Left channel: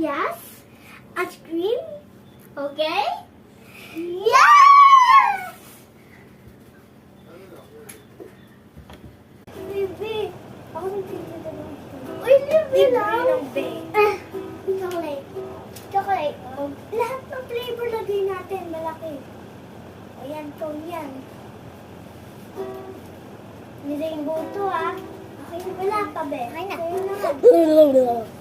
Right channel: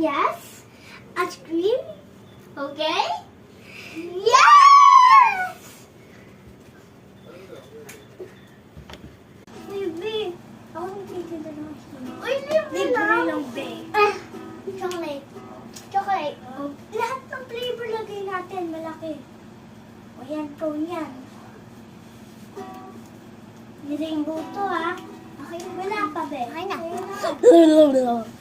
Yes. Ice cream. Okay. Yes. Baby, ako nang titigil ng ice cream. Uy, libre lang. Chocolate. Chocolate. Lahat ng flavor lagay natin, malaki. O yan, cone yan. Ni rainbow to, ah. Okay, wala pa, be. Okay na.